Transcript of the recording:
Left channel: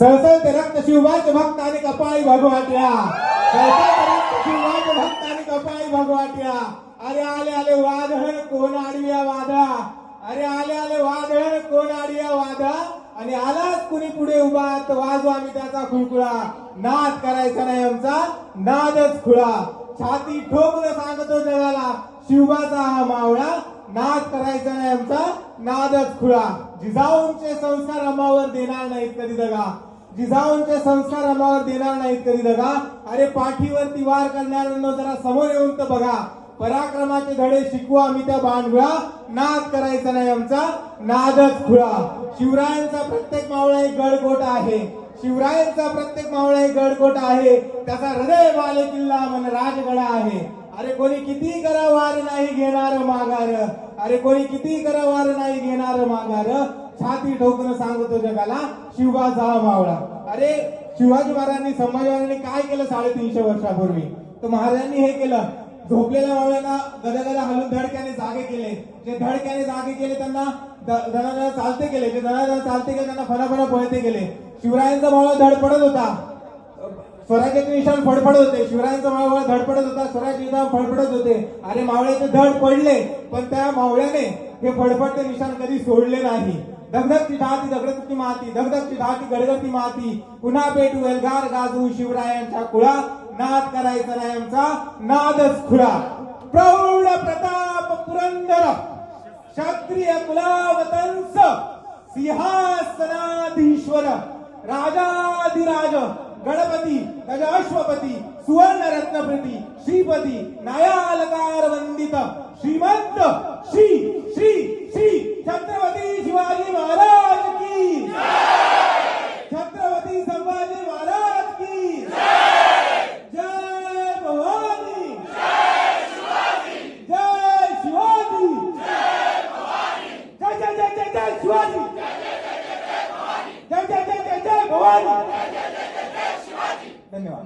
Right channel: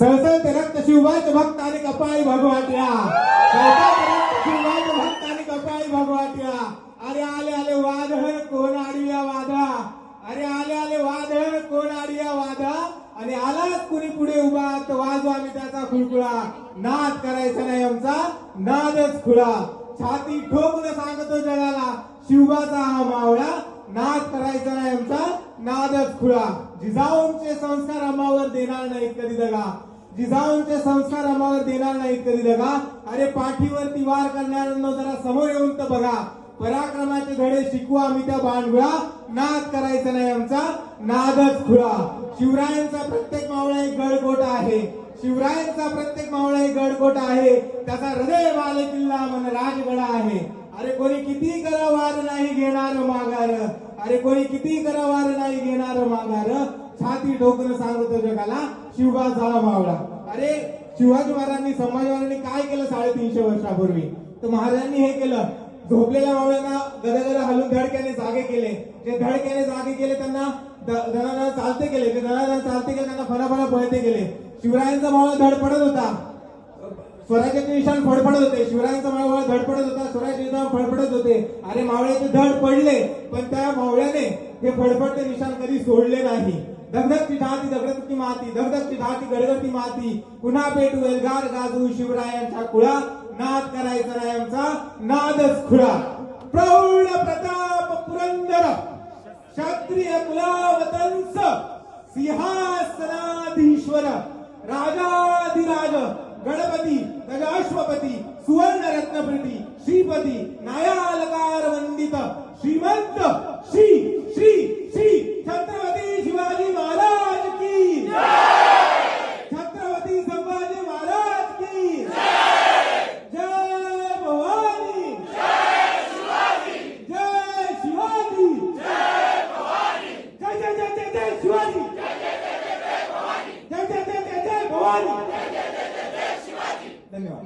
सळसळते रक्त शिवबाचे भक्त आणि कपाळी भगवाट्या, सळसळते रक्त शिवबाचे भक्त आणि कपाळी भगवाट्या. अरे आले आले वादळ कोण आडव्या वादा, अरे आले आले वादळ कोण आडव्या वादा. आणि आलाच कुणी पुढे उभा तर वाजवा आम्ही त्याचा खुळखुळा. नाद करायचा नाही आमचा, नादच खुळा. छाती ठोकून सांगतो जगाला शिवबाचा हा मावळा. नाद करायचा नाही आमचा, नादच खुळा. जिजाऊंचे संस्कार अमावर देणार नाहीत कधी दगा, जिजाऊंचे संस्कार अमावर देणार नाहीत कधी दगा. अरे पाठीवरती वार करणाऱ्यांना जरा समोर येऊन तर बघा. पराक्रमाचे धडे शिकवू आम्ही त्या बाणगुळा. नाद करायचा नाही आमचा, नादच खुळा. शिवरायांचा प्रत्येक मावळा एक गडकोट आहे, शिवरायांचा प्रत्येक मावळा एक गडकोट आहे. त्याचा हृदय बाले किल्ला मन राजगड आहे. अरे कोणी किती करा वार नाही घेणार माघार, अरे कोणी किती करा वार नाही घेणार माघार. छाती ठोकून सांगतो जगाला शिवबाचा हा मावळा. अरे शिवाजी महाराजांनी संभाजी महाराजांनी काय केलं 350 वर्षापूर्वी, तर महाराजांनी हे केलं. झोपलेल्या मावळ्यांना गदागदा हलून धडक्याने जागे केले. जे धडक्याने जागे केले त्यांना दणादणा चालते केले, जे दणादणा चालते केले त्यांना फणाफणा पळते केले. शिवरायांचा मावळा धडपडत होता, स्वराज्याचे निशाण फडफडत होते. शिवरायांचा मावळा धडपडत होता, स्वराज्याचे निशाण फडफडत होते. अरे मावळ्याचे धड पडले पण त्या मावळ्याने हे फडफडते निशाण कधी सोडले नाही. धगधगती ढाती दगडती माती, धगधगती ढाती गडगडती माती. पुन्हा पेटू एल्गार गाजू शिवरायांच्या कुळा. नाद करायचा नाही आमचा, नादच खुळा. प्रौढ प्रताप पुरंदर क्षत्रिय कुलावतंस सिंहासनाधीश्वर राजाधिराज गणपती गजाश्वपती सुवर्ण रत्नप्रती श्रीपती न्यायालकार वंदित श्रीमंत श्री श्री श्री छत्रपती शिवाजी महाराज की, छत्रपती संभाजी महाराज की जय भवानी, जय शिवाजी, जय जय जय जय शिवाजी, जय जय जय जय भवानी. धन्यवाद.